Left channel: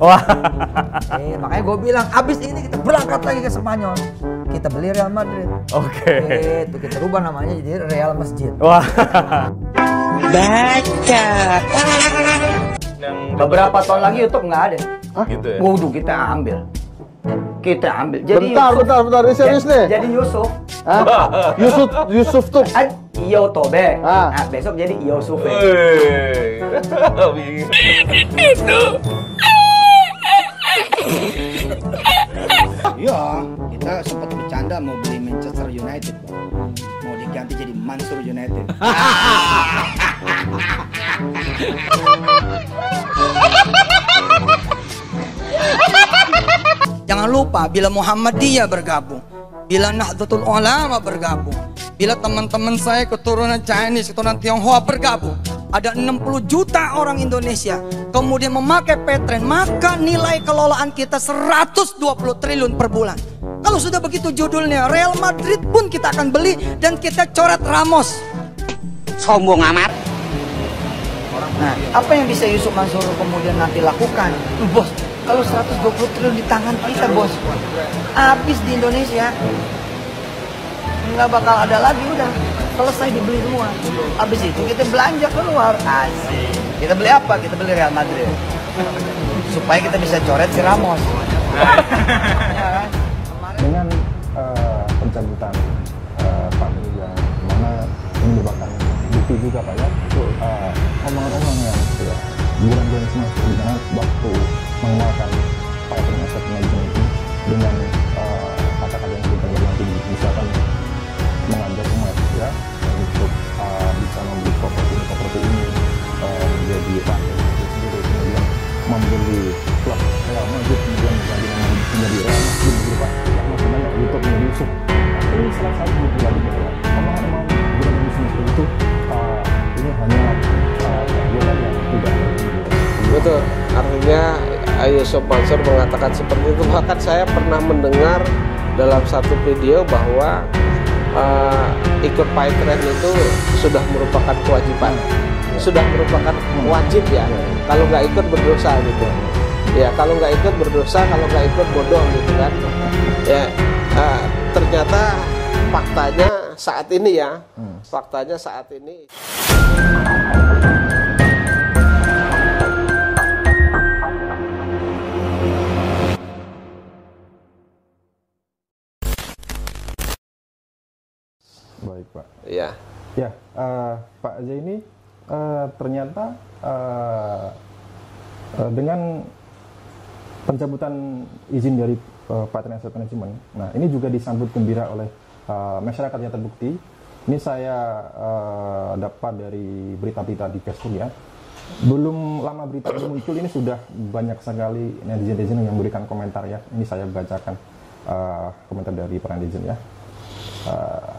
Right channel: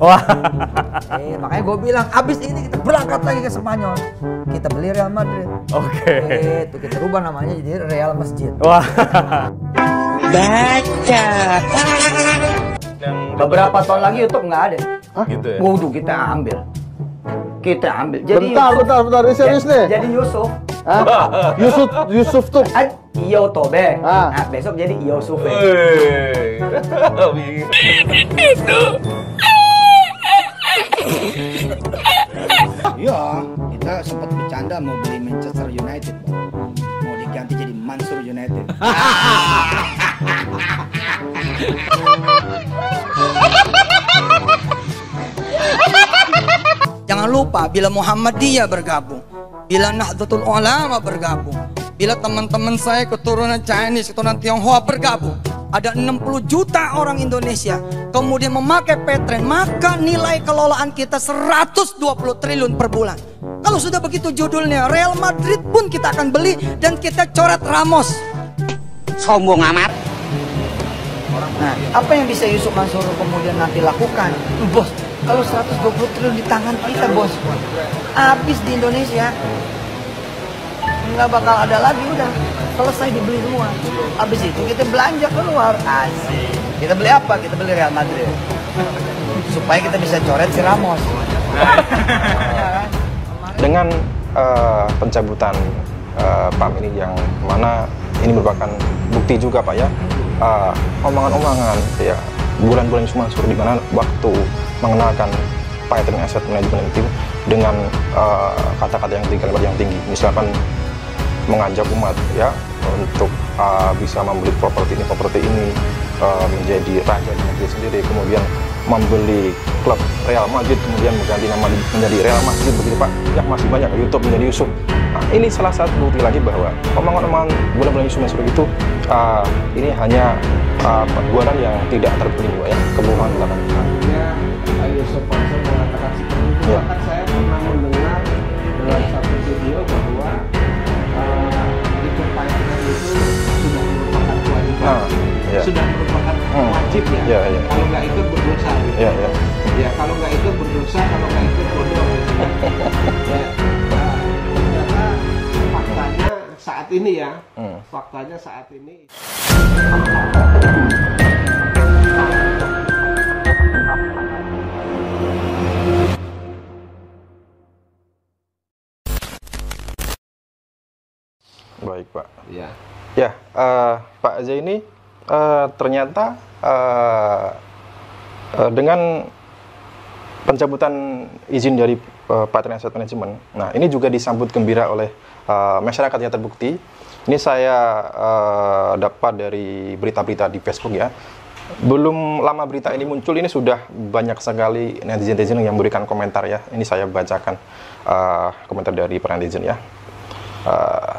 Wah. Makanya gue bilang abis ini kita berangkat lagi ke Spanyol. Kita beli Real Madrid. Oke. Itu kita rubah namanya jadi Real Masjid. Wah. Baca. Beberapa tahun lagi YouTube nggak ada. Hah? Gitu ya. Waduh, kita ambil. Jadi Bentar, ini serius nih. Jadi Yusuf. Hah? Yusuf tuh. Iyo Tobe. Ah. Nah, besok jadi Yusuf. Itu. Iya, kita sempat bercanda mau beli Manchester United, Bang. Mau diganti jadi Mansur United. Jangan lupa bila Muhammadiyah bergabung, bila Nahdlatul Ulama bergabung, bila teman-teman saya keturunan Chinese, keturunan Tionghoa bergabung, ada 60 juta orang Indonesia kemudian memakai Paytrend, maka nilai kelolaan kita 120 triliun per bulan. Kalau sudah begitu judulnya, Real Madrid pun kita akan beli dan kita coret Ramos. Sombong amat. Nah, apa yang bisa Yusuf Mansur kemudian nanti lakukan? Bos, kalau 120 triliun di tangan kita, bos, habis di Indonesia. Nggak bakal ada lagi, udah selesai dibeli semua. Habis itu kita belanja keluar. Asik. Kita beli apa? Kita beli Real Madrid. Supaya kita bisa coret si Ramos. Ya kan? Dengan pencabutan PAM ini yang mana ini merupakan bukti juga Pak ya, omongan-omongan ya bulan-bulan cuma suruh di mana waktu mengenalkan Paytrend Asset Management itu dengan kata-kata yang tinggi, misalkan mengajak umat ya untuk bisa membeli properti ini menjadi raja di negeri sendiri, kemudian membeli klub Real Madrid, kemudian mengganti nama menjadi Real Madrid begitu Pak, yang masih banyak YouTube menjadi Yusuf. Nah, ini salah satu bukti lagi bahwa omongan-omongan bulan-bulan Yusuf seperti itu ini hanya perbuatan yang tidak terbukti ya, kebohongan. Artinya Yusuf Mansur mengatakan seperti itu. Bahkan saya pernah mendengar dalam satu video bahwa ikut Paytrend itu sudah merupakan kewajiban, sudah merupakan wajib ya. Kalau nggak ikut berdosa gitu. Ya kalau nggak ikut berdosa, kalau nggak ikut bodoh gitu kan. Ya ternyata faktanya saat ini ya, faktanya saat ini. Baik Pak. Ya. Ya, Pak Zaini ternyata dengan pencabutan izin dari Paytrend Asset Management, nah ini juga disambut gembira oleh masyarakat yang terbukti. Ini saya dapat dari berita-berita di Facebook ya. Belum lama berita ini muncul, ini sudah banyak sekali netizen yang memberikan komentar ya. Ini saya bacakan komentar dari para netizen ya.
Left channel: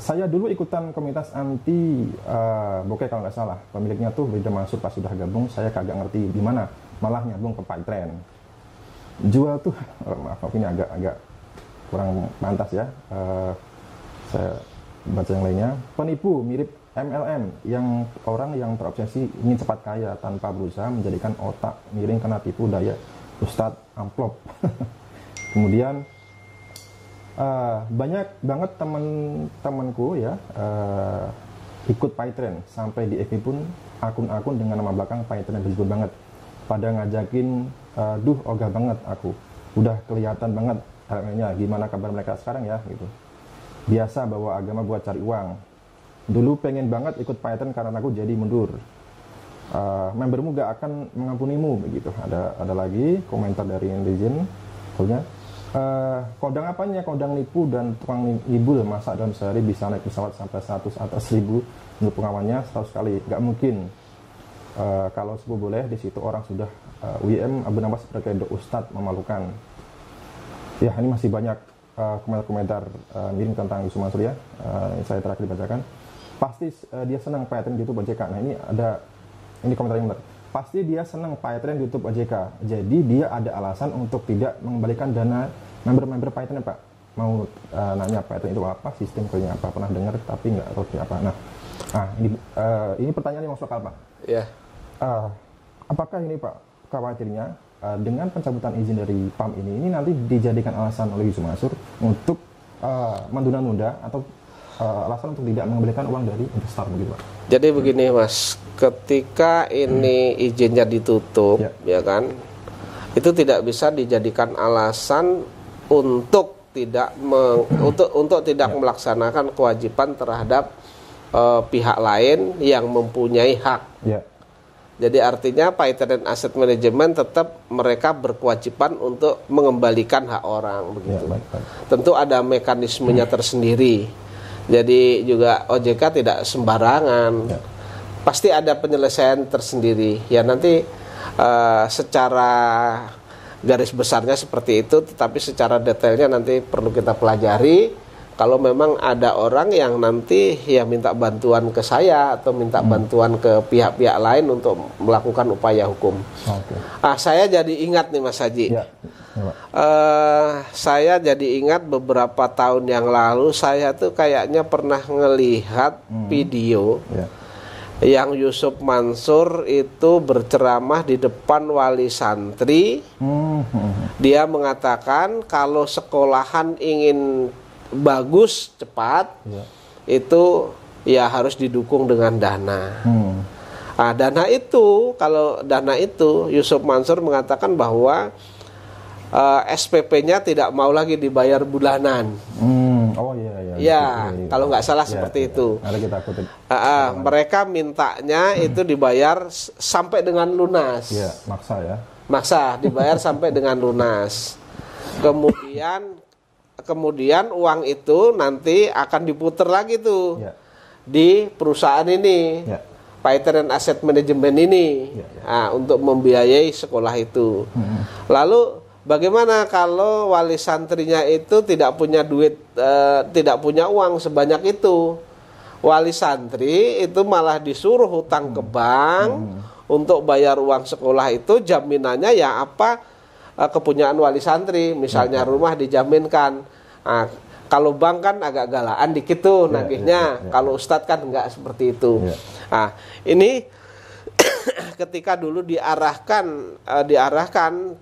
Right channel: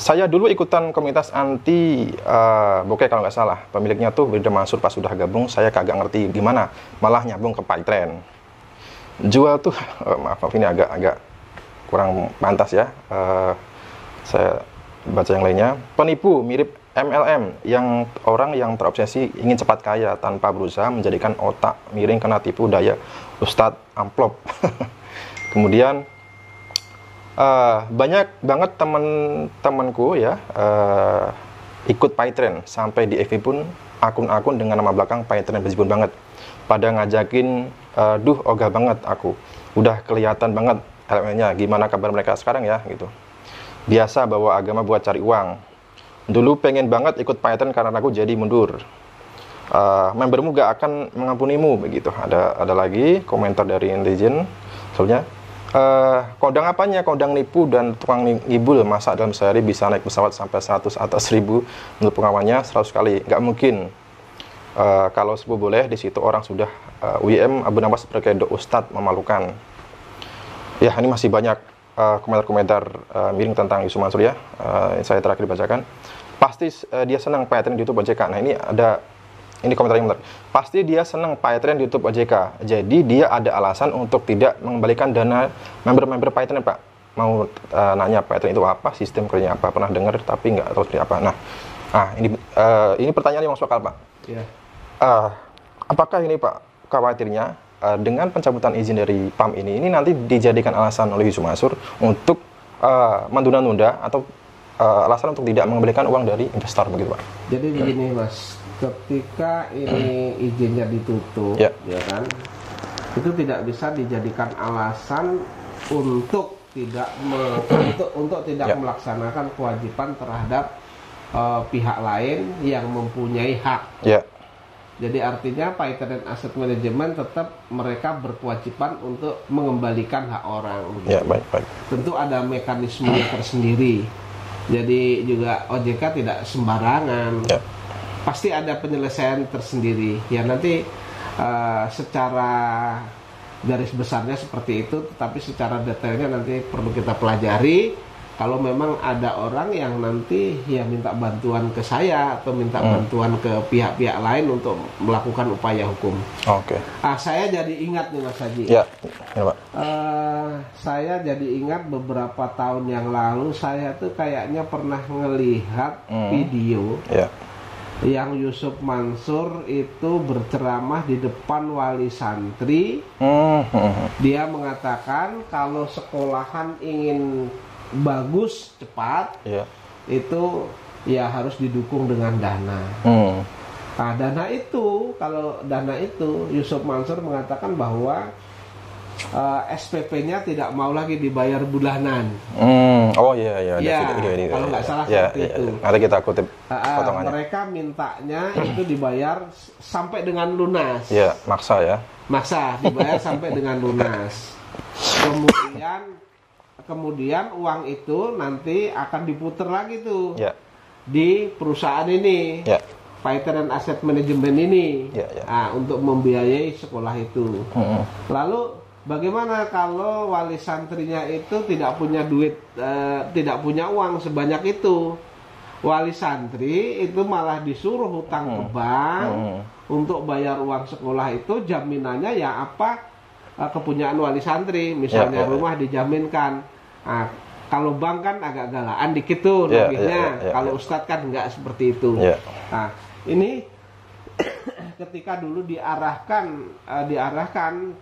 Saya dulu ikutan komunitas anti bokeh kalau nggak salah. Pemiliknya tuh Brida Mansur, pas sudah gabung saya kagak ngerti gimana, malah nyambung ke Paytrend. Jual tuh, maaf ini agak kurang pantas ya. Saya baca yang lainnya. Penipu mirip MLM, yang orang yang terobsesi ingin cepat kaya tanpa berusaha menjadikan otak miring kena tipu daya Ustadz Amplop. Kemudian banyak banget teman-temanku ya ikut Paytrend, sampai di FB pun akun-akun dengan nama belakang Paytrend berjibun banget, pada ngajakin ogah banget aku, udah kelihatan banget elemennya, gimana kabar mereka sekarang ya gitu. Biasa bawa agama buat cari uang, dulu pengen banget ikut Paytrend karena aku jadi mundur, membermu gak akan mengampunimu begitu. Ada lagi komentar dari netizen soalnya, kodang apanya, kodang nipu dan tukang ngibul, masa dalam sehari bisa naik pesawat sampai 100 atau 1000, menurut pengamannya 100 kali, nggak mungkin. Kalau sebuah boleh, di situ orang sudah UIM Abu Nawas berkedok Ustadz memalukan. Ya, ini masih banyak komentar-komentar miring tentang Yusuf Mansur ya. Saya terakhir bacakan. Pasti dia senang Paytrend di YouTube OJK. Nah, ini komentar yang benar. Pasti dia senang Paytrend di YouTube OJK. Jadi dia ada alasan untuk tidak mengembalikan dana member-member Paytrend, Pak. Mau nanya Paytrend itu apa, sistem kerjanya apa, pernah dengar tapi nggak tahu seperti apa. Nah, ini pertanyaan yang masuk akal, Pak. Ya. Apakah ini Pak khawatirnya dengan pencabutan izin dari PAM ini nanti dijadikan alasan oleh Yusuf Mansur untuk menunda-nunda atau alasan untuk tidak mengembalikan uang dari investor begitu Pak? Jadi begini Mas, ketika ini izinnya ditutup, Ya. ya kan, itu tidak bisa dijadikan alasan untuk tidak untuk tidak Ya. melaksanakan kewajiban terhadap pihak lain yang mempunyai hak. Ya, Jadi artinya Paitren Asset Management tetap mereka berkewajiban untuk mengembalikan hak orang. ya begitu. baik. Tentu ada mekanismenya tersendiri. Jadi juga OJK tidak sembarangan. Ya. Pasti ada penyelesaian tersendiri. Ya nanti secara garis besarnya seperti itu, tetapi secara detailnya nanti perlu kita pelajari. Kalau memang ada orang yang nanti ya minta bantuan ke saya atau minta bantuan ke pihak-pihak lain untuk melakukan upaya hukum. Oke. Saya jadi ingat nih Mas Haji. Ya, Pak. Saya jadi ingat beberapa tahun yang lalu saya tuh kayaknya pernah ngelihat video Ya. yang Yusuf Mansur itu berceramah di depan wali santri. Dia mengatakan kalau sekolahan ingin bagus cepat, Ya. itu ya harus didukung dengan dana. Nah, dana itu, kalau dana itu Yusuf Mansur mengatakan bahwa SPP-nya tidak mau lagi dibayar bulanan. Oh iya. Ya, Video ini. kalau nggak salah Ya, seperti ya, itu. ya. Nanti kita kutip. potongannya. Mereka mintanya itu dibayar sampai dengan lunas. Ya, maksa ya. Maksa dibayar sampai dengan lunas. Kemudian uang itu nanti akan diputer lagi tuh Ya. di perusahaan ini. Ya. Paitren Asset Management ini. Ya, ya. Nah, untuk membiayai sekolah itu. Lalu bagaimana kalau wali santrinya itu tidak punya duit, tidak punya uang sebanyak itu? Wali santri itu malah disuruh hutang ke bank untuk bayar uang sekolah itu, jaminannya ya apa? Kepunyaan wali santri, misalnya Ya. rumah dijaminkan. Nah, kalau bank kan agak galaan dikit tuh Ya, nagihnya. ya. Kalau ustadz kan enggak seperti itu. Ya. Nah, ini ketika dulu diarahkan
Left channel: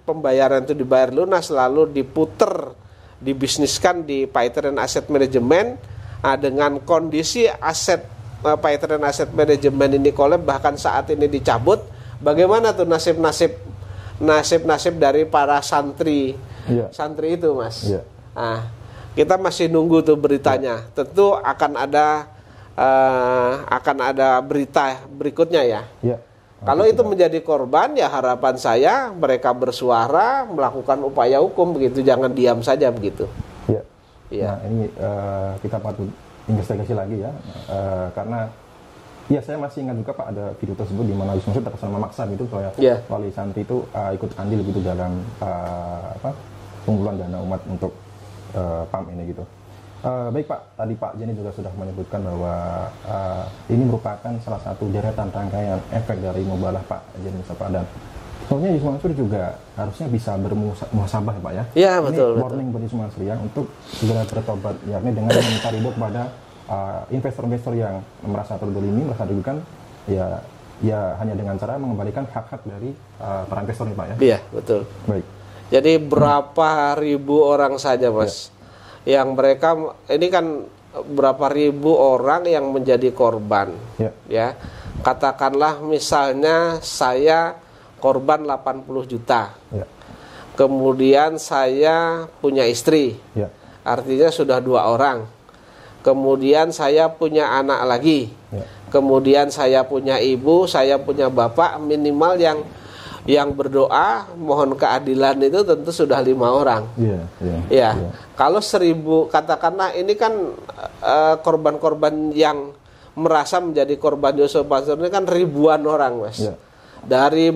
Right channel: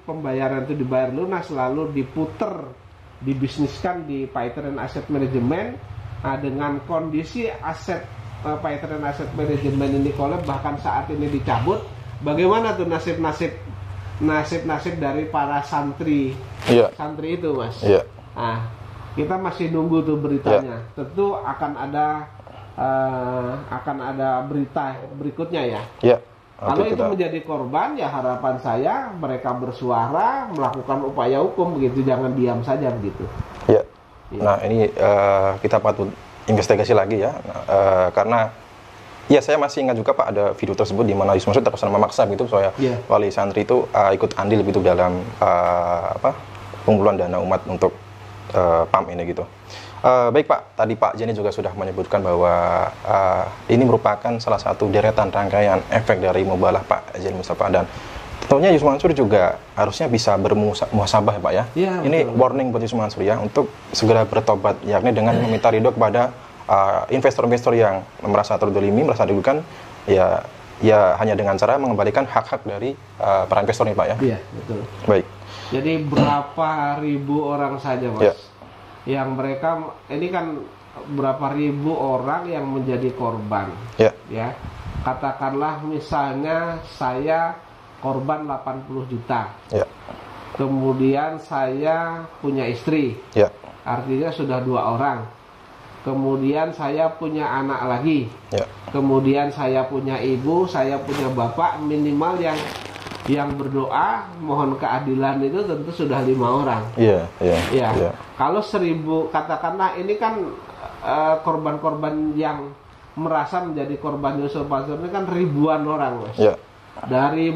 pembayaran itu dibayar lunas lalu diputer, dibisniskan di Paitren Asset Management, dengan kondisi aset Paitren Asset Management ini kolab, bahkan saat ini dicabut, bagaimana tuh nasib dari para santri santri itu Mas? Iya. Nah, kita masih nunggu tuh beritanya. Tentu akan ada berita berikutnya ya. Ya. Kalau Nanti itu kita- menjadi korban, ya harapan saya mereka bersuara, melakukan upaya hukum begitu, jangan diam saja begitu. Ya. Iya. Nah ini kita patut investigasi lagi ya, karena ya saya masih ingat juga Pak ada video tersebut di mana Yusuf Mansur terkesan memaksa gitu supaya Iya. wali santri itu ikut andil gitu dalam pengumpulan dana umat untuk PAM ini gitu. Baik Pak, tadi Pak Jenny juga sudah menyebutkan bahwa ini merupakan salah satu deretan rangkaian efek dari mubalah Pak Jenny Mustafa, dan tentunya Yusuf Mansur juga harusnya bisa bermuhasabah Pak ya. Iya, Ini betul. warning buat Yusuf Mansur ya untuk segera bertobat, yakni dengan meminta ridho kepada investor-investor yang merasa terdolimi, merasa dirugikan, ya hanya dengan cara mengembalikan hak-hak dari para investor ini Pak ya. Iya, betul. Baik. Jadi berapa ribu orang saja Mas, yang mereka ini kan berapa ribu orang yang menjadi korban. Ya, katakanlah misalnya saya korban 80 juta. Ya. Kemudian saya punya istri. Ya. Artinya sudah 2 orang. Kemudian saya punya anak lagi. Ya. Kemudian saya punya ibu, saya punya bapak, minimal yang berdoa mohon keadilan itu tentu sudah 5 orang. Iya. Ya. Kalau 1000, katakanlah ini kan korban-korban yang merasa menjadi korban Yusuf Mansur ini kan ribuan orang Mas. Ya. Dari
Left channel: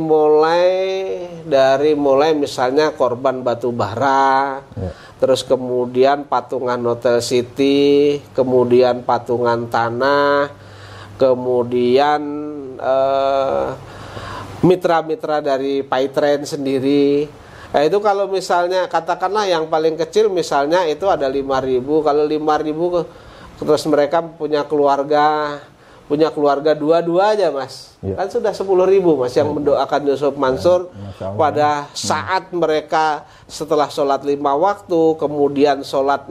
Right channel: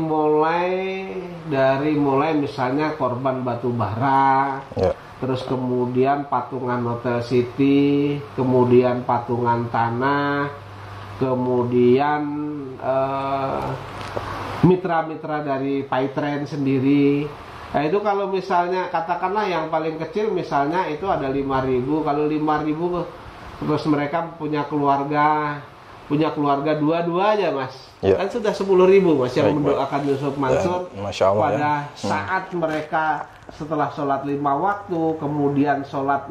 mulai misalnya korban batu bara, Ya. terus kemudian patungan Hotel City, kemudian patungan tanah, kemudian mitra-mitra dari Paitren sendiri. Nah itu kalau misalnya katakanlah yang paling kecil misalnya itu ada 5.000, kalau 5.000 terus mereka punya keluarga, punya keluarga dua-duanya Mas. Ya. Kan sudah 10.000 Mas yang Baik, mendoakan Yusuf Mansur Masya Allah, pada ya. saat mereka setelah sholat 5 waktu, kemudian sholat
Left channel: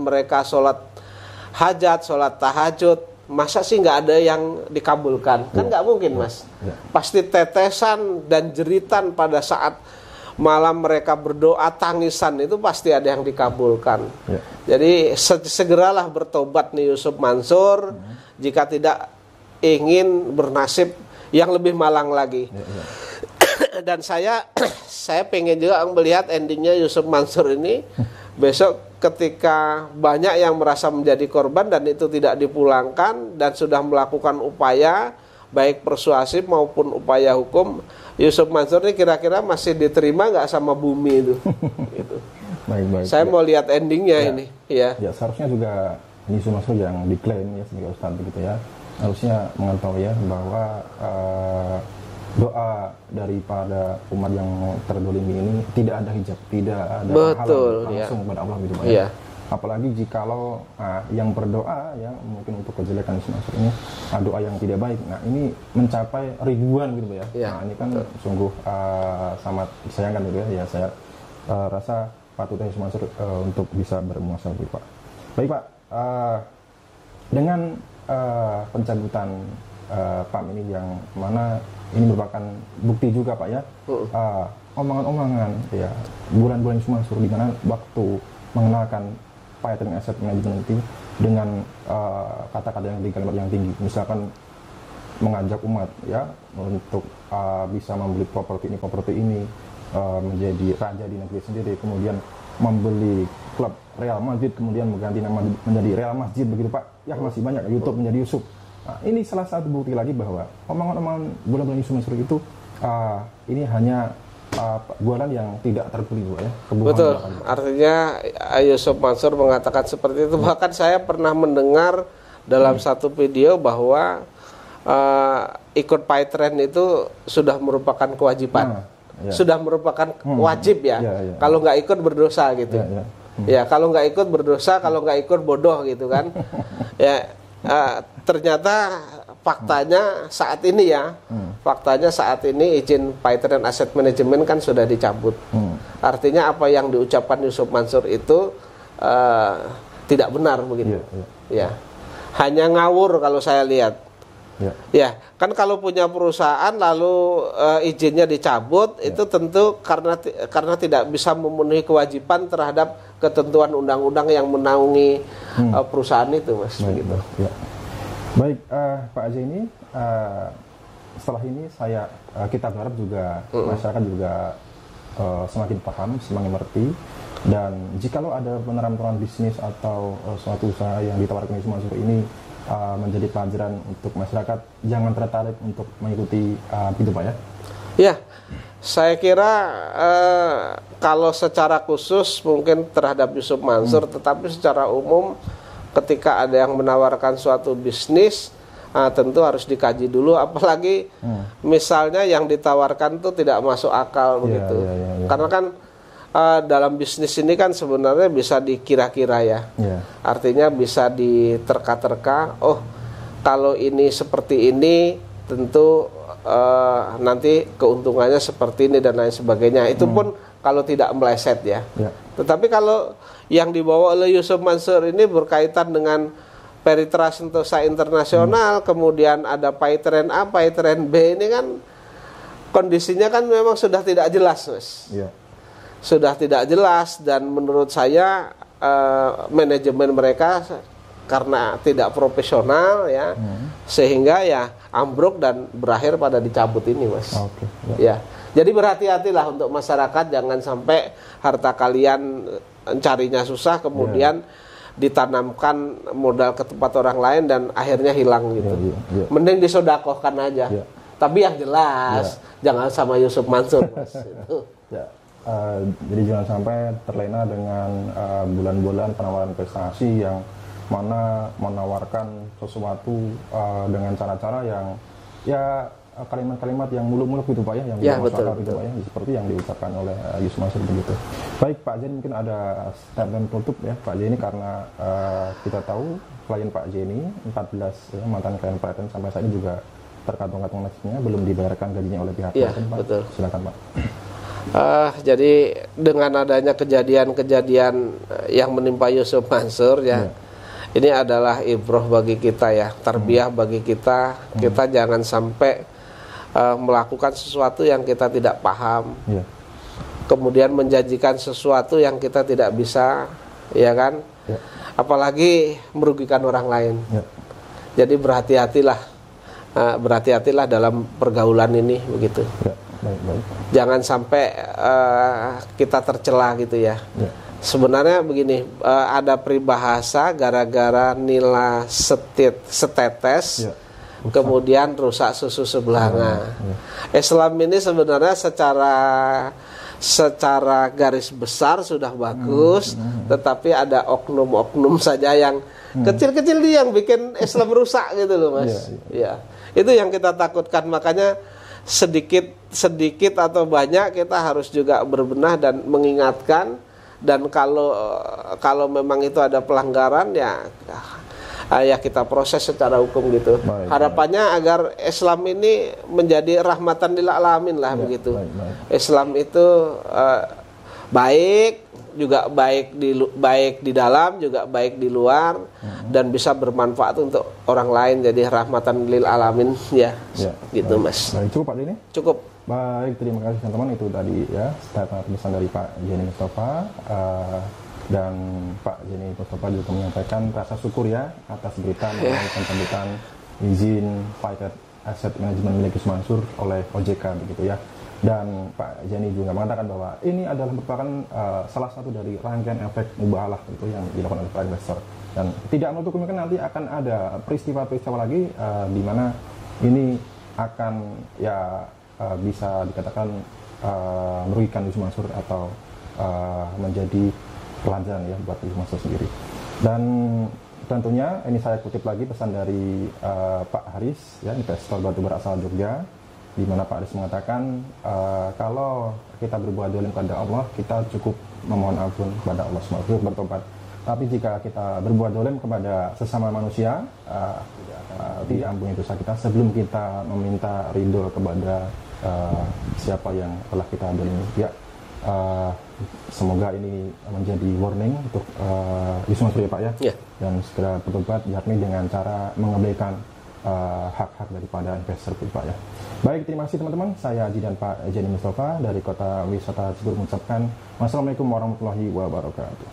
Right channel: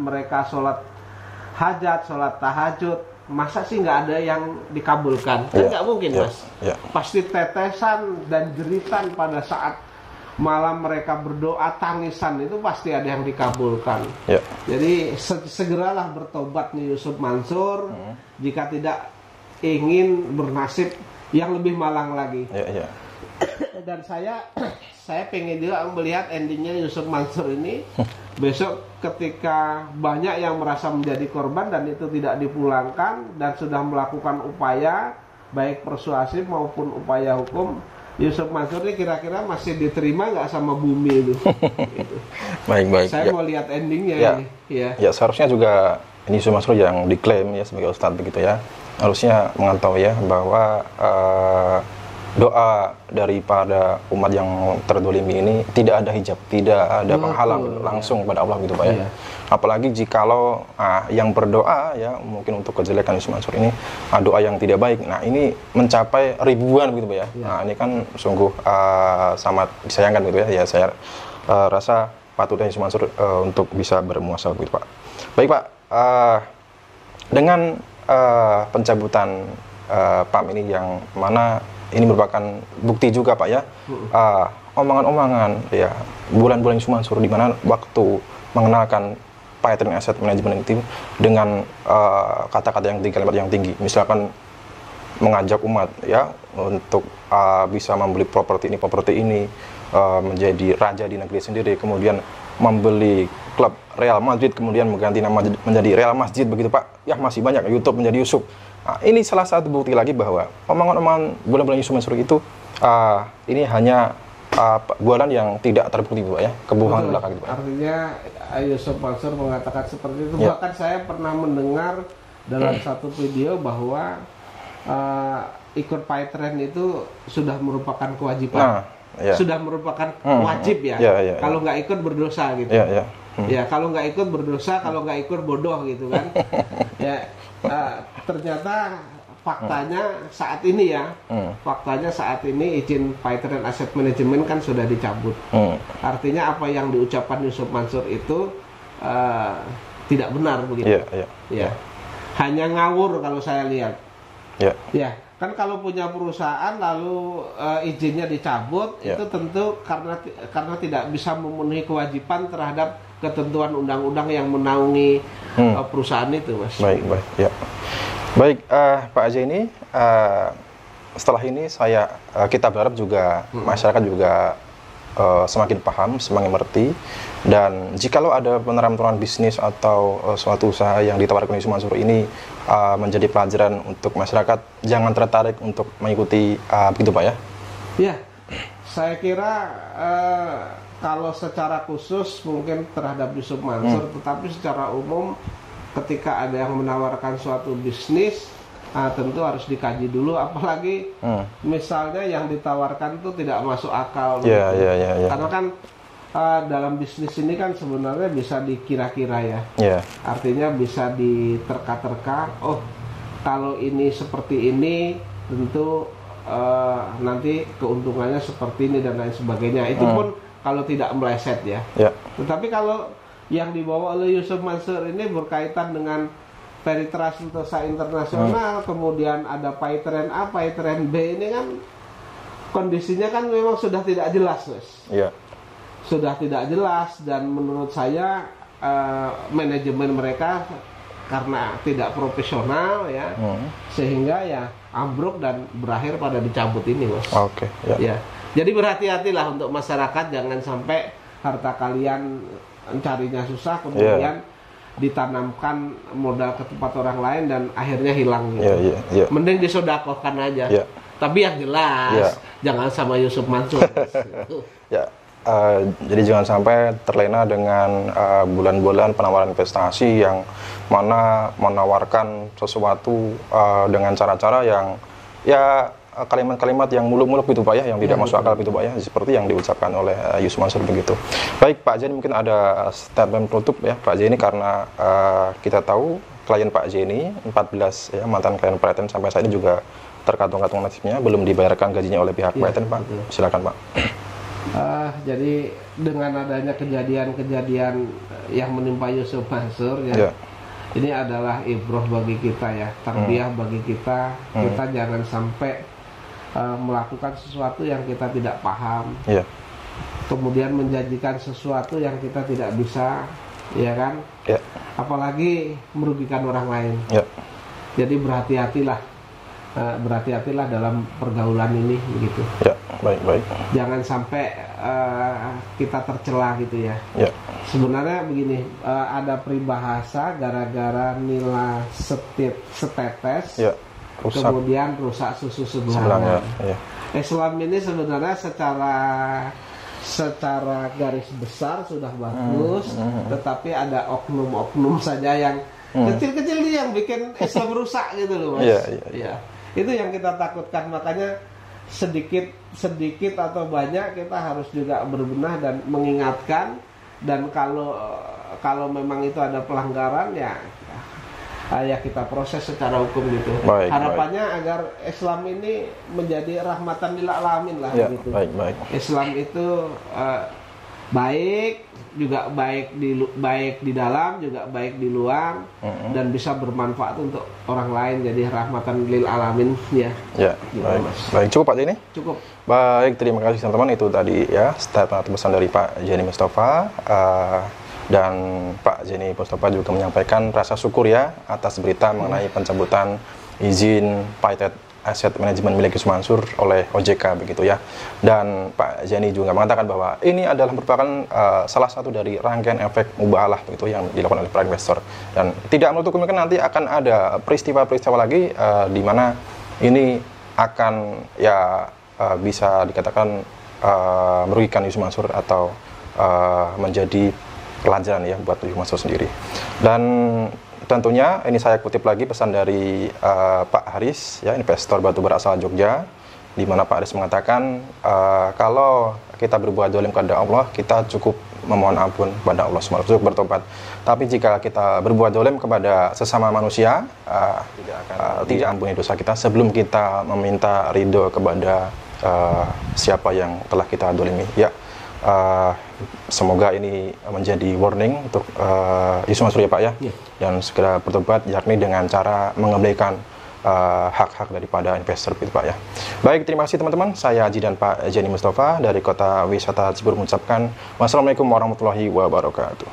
hajat, sholat tahajud, masa sih nggak ada yang dikabulkan? Kan Ya. nggak mungkin Ya. Mas. Ya. Pasti tetesan dan jeritan pada saat malam mereka berdoa, tangisan itu pasti ada yang dikabulkan. Ya. Jadi segeralah bertobat nih Yusuf Mansur jika tidak ingin bernasib yang lebih malang lagi. Ya, ya. Dan saya pengen juga melihat endingnya Yusuf Mansur ini besok ketika banyak yang merasa menjadi korban dan itu tidak dipulangkan dan sudah melakukan upaya baik persuasif maupun upaya hukum, Yusuf Mansur ini kira-kira masih diterima nggak sama bumi itu? Gitu. Baik. Saya Ya. mau lihat endingnya Ya. ini. Ya. Ya, seharusnya juga ini Yusuf Mansur yang diklaim ya sebagai ustadz begitu ya. Harusnya mengetahui ya bahwa doa daripada umat yang terdolimi ini tidak ada hijab, tidak ada Betul, penghalang ya. langsung pada Allah gitu Pak ya. Iya. Apalagi jikalau yang berdoa ya mungkin untuk kejelekan Yusuf Mansur ini doa yang tidak baik. Nah, ini mencapai ribuan gitu Pak ya. Iya. Nah, ini kan sungguh sangat disayangkan gitu ya. Ya saya rasa patut Yusuf Mansur untuk bisa bermuasabah gitu Pak. Baik Pak, dengan pencabutan PAM ini yang mana ini merupakan bukti juga Pak ya, omongan-omongan ya bulan-bulan Yusuf Mansur di mana waktu mengenalkan Paytren Asset Management itu dengan kata-kata yang tinggi, kalimat yang tinggi, misalkan mengajak umat ya untuk bisa membeli properti ini menjadi raja di negeri sendiri, kemudian membeli klub Real Madrid, kemudian mengganti nama menjadi Real Masjid begitu Pak. Ya masih banyak YouTube menjadi Yusuf. Nah, ini salah satu bukti lagi bahwa omongan-omongan bulan-bulan Yusuf Mansur itu ini hanya bualan yang tidak terbukti Pak ya, kebohongan Betul. belaka gitu. Artinya Yusuf Mansur mengatakan seperti itu. Ya. Bahkan saya pernah mendengar dalam satu video bahwa ikut Paytren itu sudah merupakan kewajiban. Ya. Sudah merupakan wajib ya. Ya. Kalau nggak ikut berdosa gitu. Ya. Ya, kalau nggak ikut berdosa, kalau nggak ikut bodoh gitu kan. Ya, ternyata faktanya saat ini ya, faktanya saat ini izin Paytren Asset Management kan sudah dicabut. Artinya apa yang diucapkan Yusuf Mansur itu tidak benar begitu. Ya. Hanya ngawur kalau saya lihat. Ya, kan kalau punya perusahaan lalu izinnya dicabut itu tentu karena tidak bisa memenuhi kewajiban terhadap ketentuan undang-undang yang menaungi perusahaan itu, Mas. Baik. Ya. Baik, Pak Azaini, setelah ini kita berharap juga masyarakat juga semakin paham, semakin mengerti, dan jikalau ada penerapan bisnis atau suatu usaha yang ditawarkan Yusuf Mansur ini menjadi pelajaran untuk masyarakat, jangan tertarik untuk mengikuti begitu Pak ya? Ya, saya kira kalau secara khusus mungkin terhadap Yusuf Mansur, tetapi secara umum ketika ada yang menawarkan suatu bisnis tentu harus dikaji dulu, apalagi misalnya yang ditawarkan itu tidak masuk akal. Ya. Karena kan dalam bisnis ini kan sebenarnya bisa dikira-kira ya. Artinya bisa diterka-terka, oh kalau ini seperti ini tentu nanti keuntungannya seperti ini dan lain sebagainya. Itu pun kalau tidak meleset ya. Tetapi kalau yang dibawa oleh Yusuf Mansur ini berkaitan dengan Peritra Sentosa Internasional, kemudian ada Paytren A, Paytren B, ini kan kondisinya kan memang sudah tidak jelas, Mas. Sudah tidak jelas, dan menurut saya manajemen mereka karena tidak profesional ya, sehingga ya ambruk dan berakhir pada dicabut ini, Mas. Ya. Jadi berhati-hatilah untuk masyarakat, jangan sampai harta kalian carinya susah kemudian ditanamkan modal ke tempat orang lain dan akhirnya hilang gitu. Mending disodakohkan aja. Tapi yang jelas jangan sama Yusuf Mansur. Jadi jangan sampai terlena dengan bulan-bulan penawaran investasi yang mana menawarkan sesuatu dengan cara-cara yang ya kalimat-kalimat yang muluk-muluk gitu Pak ya, yang tidak masuk betul, akal gitu Pak ya, seperti yang diucapkan oleh Yusuf Mansur begitu. Baik Pak Jeni, mungkin ada statement penutup ya Pak Jeni, karena kita tahu klien Pak Jeni 14 ya, mantan klien Paytren sampai saat ini juga terkatung-katung nasibnya, belum dibayarkan gajinya oleh pihak Paytren Pak. Betul. Silakan Pak. Jadi dengan adanya kejadian-kejadian yang menimpa Yusuf Mansur ya, ini adalah ibroh bagi kita ya, tarbiyah bagi kita. Kita jangan sampai melakukan sesuatu yang kita tidak paham, kemudian menjanjikan sesuatu yang kita tidak bisa, ya kan? Apalagi merugikan orang lain. Jadi berhati-hatilah dalam pergaulan ini begitu. Baik. Jangan sampai kita tercela gitu ya. Sebenarnya begini, ada peribahasa gara-gara nila setetes, kemudian rusak susu sebelanga. Islam ini sebenarnya secara garis besar sudah bagus, tetapi ada oknum-oknum saja yang kecil-kecil yang bikin Islam rusak gitu loh Mas. Itu yang kita takutkan, makanya sedikit atau banyak kita harus juga berbenah dan mengingatkan. Dan kalau memang itu ada pelanggaran ya kita proses secara hukum gitu. Harapannya agar Islam ini menjadi rahmatan lil alamin lah begitu. Islam itu baik, juga baik di dalam, juga baik di luar, dan bisa bermanfaat untuk orang lain, jadi rahmatan lil alamin ya. Gitu Mas. Baik, cukup Pak Jeni? Cukup. Baik, terima kasih teman-teman. Itu tadi ya statement atau pesan dari Pak Jeni Mustafa, dan Pak Jeni Mustafa juga menyampaikan rasa syukur ya atas berita mengenai pencabutan izin Paytren Aset Manajemen milik Yusuf Mansur oleh OJK begitu ya. Dan Pak Jeni juga mengatakan bahwa ini adalah merupakan salah satu dari rangkaian efek mubahalah begitu yang dilakukan oleh para investor, dan tidak menutup kemungkinan nanti akan ada peristiwa-peristiwa lagi di mana ini akan ya bisa dikatakan merugikan Yusuf Mansur atau menjadi pelajaran ya buat Yusuf Mansur sendiri. Dan tentunya ini saya kutip lagi pesan dari Pak Haris ya, investor batubara asal Jogja, di mana Pak Haris mengatakan kalau kita berbuat zalim kepada Allah, kita cukup memohon ampun kepada Allah SWT, cukup bertobat. Tapi jika kita berbuat zalim kepada sesama manusia, tidak ampuni dosa kita sebelum kita meminta ridho kepada siapa yang telah kita zalimi. Ya, semoga ini menjadi warning untuk Yusuf Mansur ya Pak ya, dan segera bertobat, yakni dengan cara mengembalikan hak-hak daripada investor gitu Pak ya. Baik, terima kasih teman-teman. Saya Haji dan Pak Jeni Mustafa dari Kota Wisata Cibubur mengucapkan wassalamualaikum warahmatullahi wabarakatuh.